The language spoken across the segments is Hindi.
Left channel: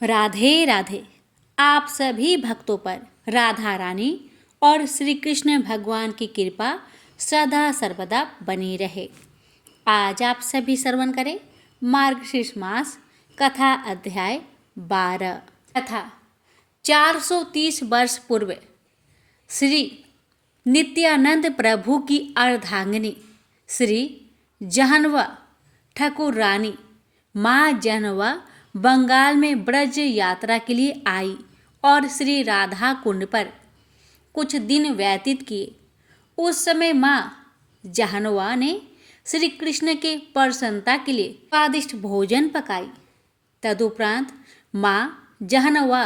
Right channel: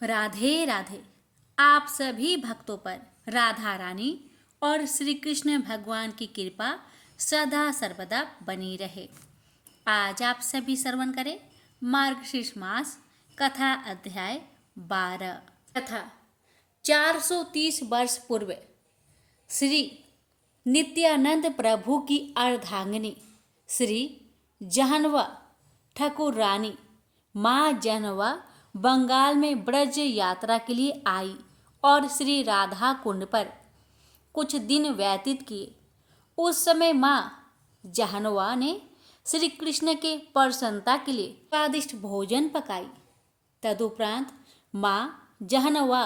राधे राधे। आप सभी भक्तों पर राधा रानी और श्री कृष्ण भगवान की कृपा सदा सर्वदा बनी रहे। आज आप सभी श्रवण करें मार्गशीर्ष मास कथा अध्याय 12। कथा 430 वर्ष पूर्व श्री नित्यानंद प्रभु की अर्धांगिनी श्री जहनवा ठाकुर रानी माँ जहनवा बंगाल में ब्रज यात्रा के लिए आई और श्री राधा कुंड पर कुछ दिन व्यतीत किए। उस समय माँ जहनवा ने श्री कृष्ण के प्रसन्नता के लिए स्वादिष्ट भोजन पकाई। तदुपरांत माँ जहनवा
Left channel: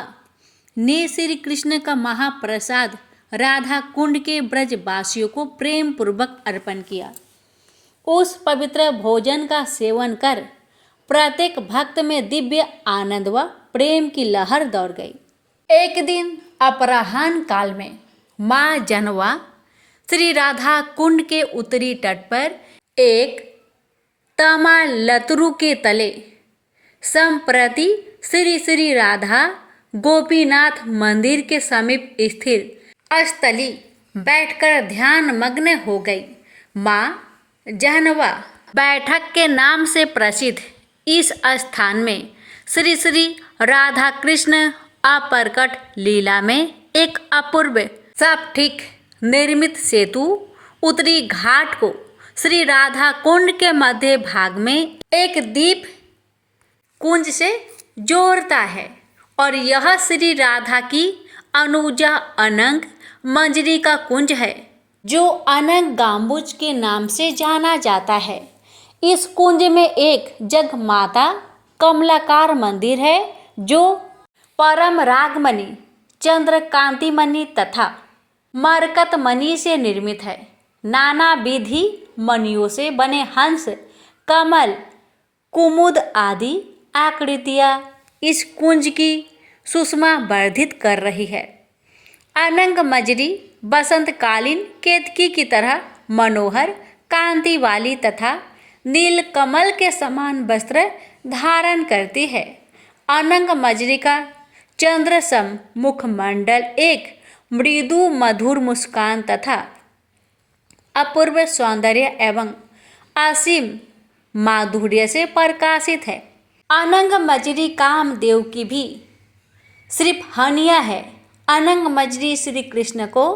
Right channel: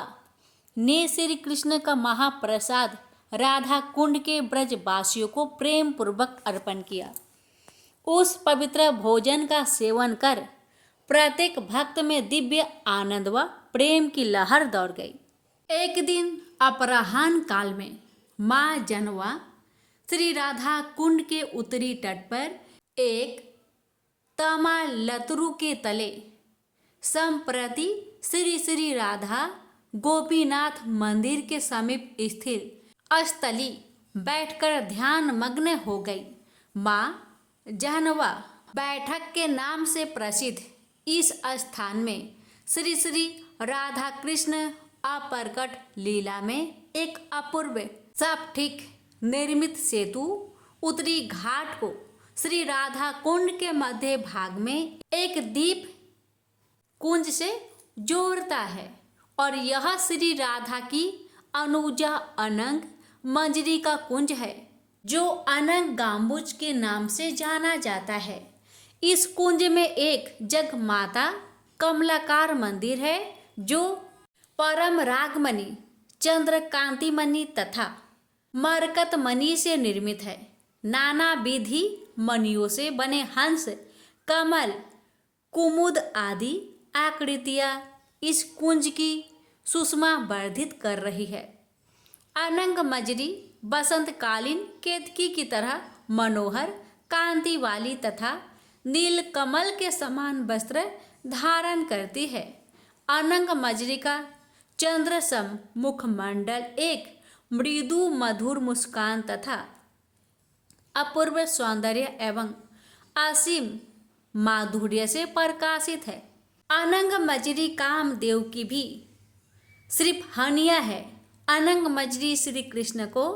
ने श्री कृष्ण का महाप्रसाद राधा कुंड के ब्रजवासियों को प्रेम पूर्वक अर्पण किया। उस पवित्र भोजन का सेवन कर प्रत्येक भक्त में दिव्य आनंद व प्रेम की लहर दौड़ गई। एक दिन अपराह्न काल में माँ जहनवा श्री राधा कुंड के उत्तरी तट पर एक तमालतरु के तले संप्रति श्री श्री राधा गोपीनाथ मंदिर के समीप स्थिर स्थली बैठकर ध्यान मग्न हो गई। माँ जहनवा बैठक के नाम से प्रसिद्ध इस स्थान में श्री श्री राधा कृष्ण अप्रकट लीला में एक अपूर्व स्फटिक निर्मित सेतु उत्तरी घाट को श्री राधा कुंड के मध्य भाग में एक दीप कुंज से जोड़ता है और यह श्री राधा की अनुजा अनंग मंजरी का कुंज है जो अनंग गाम्बुज के नाम से जाना जाता है। इस कुंज में एक जगमाता कमलाकार मंदिर है जो परम रागमणि, चंद्रकांति मणि तथा मरकत मणि से निर्मित है। नाना विधि मणियों से बने हंस, कमल, कुमुद आदि आकृतियां इस कुंज की सुषमा वर्धित कर रही है। अनंग मंजरी बसंतकालीन केतकी की तरह मनोहर कांति वाली तथा नील कमल के समान वस्त्र धारण करती है। अनंग मंजरी का चंद्रसम मुखमंडल एक मृदु मधुर मुस्कान तथा अपूर्व सौंदर्य एवं असीम माधुर्य से प्रकाशित है। अनंग मंजरी कामदेव की भी सिर्फ हनिया है। अनंग मंजरी श्री कृष्ण को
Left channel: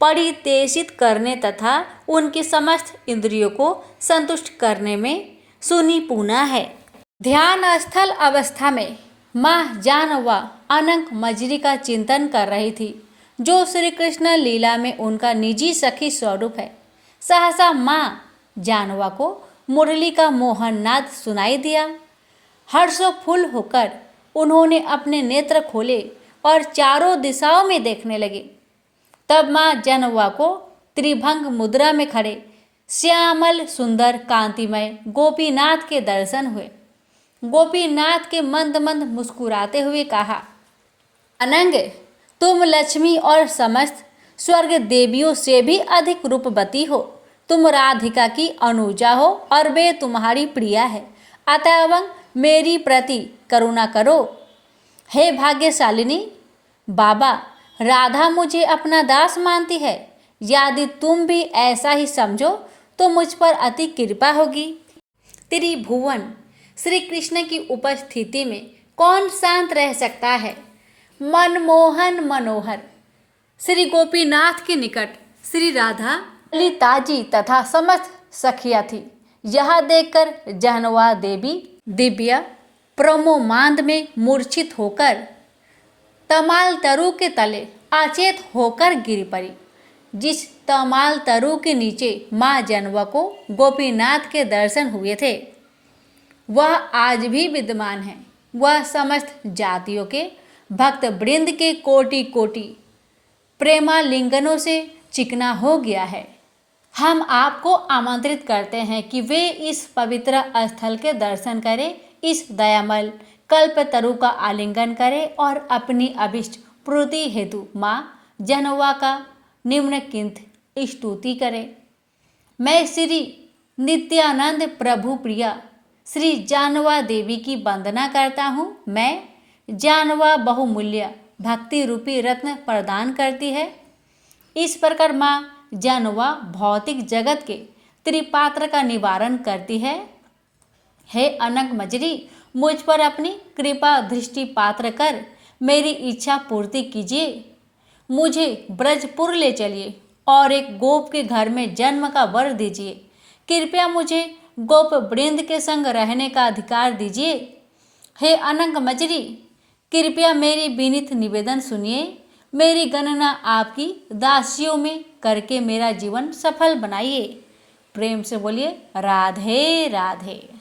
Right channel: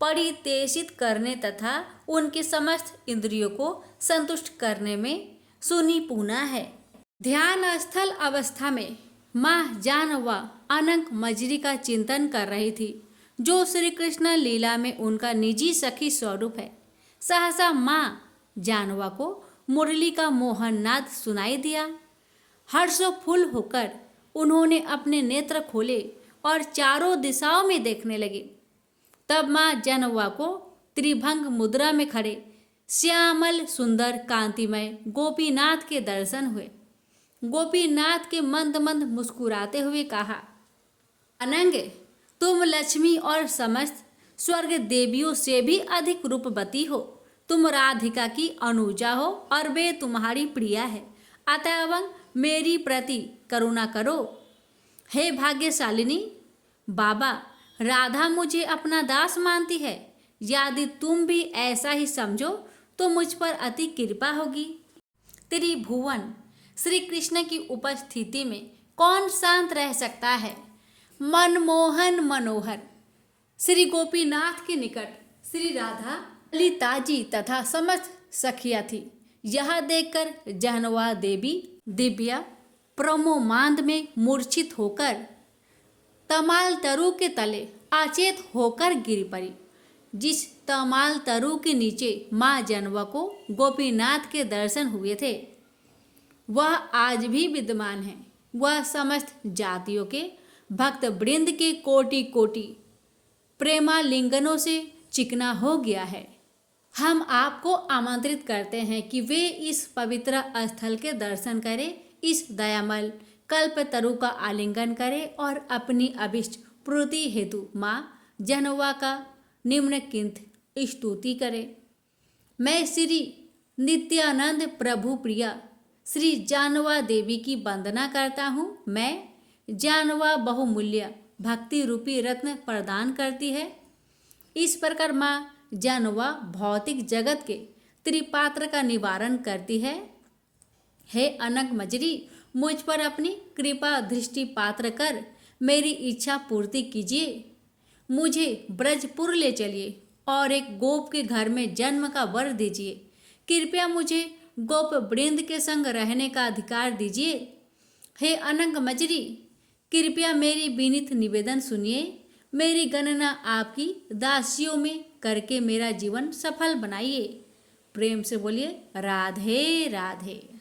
परितेषित करने तथा उनकी समस्त इंद्रियों को संतुष्ट करने में सुनिपुणा है। ध्यान स्थल अवस्था में माँ जानवा अनंग मंजरी का चिंतन कर रही थी जो श्री कृष्ण लीला में उनका निजी सखी स्वरूप है। सहसा माँ जानवा को मुरली का मोहन नाद सुनाई दिया। हर्षोफुल्ल होकर उन्होंने अपने नेत्र खोले और चारों दिशाओं में देखने लगे। तब माँ जहनवा को त्रिभंग मुद्रा में खड़े श्यामल सुंदर कांतिमय गोपीनाथ के दर्शन हुए। गोपीनाथ के मंद मंद मुस्कुराते हुए कहा, अनंग, तुम लक्ष्मी और समस्त स्वर्ग देवियों से भी अधिक रूपवती हो। तुम राधिका की अनुजा हो और वे तुम्हारी प्रिया है। अतएव मेरी प्रति करुणा करो। हे भाग्यशालिनी, बाबा, राधा मुझे अपना दास मानती है। यदि तुम भी ऐसा ही समझो तो मुझ पर अति कृपा होगी। त्रिभुवन श्री कृष्ण की उपस्थिति में कौन शांत रह सकता है। मनमोहन मनोहर श्री गोपीनाथ के निकट श्री राधा ललिताजी तथा समस्त सखिया थी। यह देखकर जहनवा देवी दिव्य प्रोमोमांद में मूर्छित होकर तमाल तरु के तले अचेत होकर गिर पड़ी। जिस तमाल तरु के नीचे माँ जहनवा को गोपीनाथ के दर्शन हुए थे वह आज भी विद्यमान है। वह समस्त जातियों के भक्त वृंद के कोटि कोटि प्रेमालिंगनों से चिकना हो गया है। हम आपको आमंत्रित करते हैं कि वे इस पवित्र स्थल के दर्शन करें, इस दयामय कल्पतरु का आलिंगन करें और अपनी अभिष्ट पूर्ति हेतु माँ जहनवा का निम्नलिखित स्तुति करें। मैं श्री नित्यानंद प्रभु प्रिया श्री जानवा देवी की वंदना करता हूँ। मैं जानवा बहुमूल्य भक्ति रूपी रत्न प्रदान करती है। इस प्रकार माँ जानवा भौतिक जगत के त्रिपात्र का निवारण करती है। हे अनंग मजरी, मुझ पर अपनी कृपा दृष्टि पात्र कर मेरी इच्छा पूर्ति कीजिए। मुझे ब्रजपुर ले चलिए और एक गोप के घर में जन्म का वर दीजिए। कृपया मुझे गोप वृंद के संग रहने का अधिकार दीजिए। हे अनंग मजरी, कृपया मेरी विनीत निवेदन सुनिए। मेरी गणना आपकी दासियों में करके मेरा जीवन सफल बनाइए। प्रेम से बोलिए राधे राधे।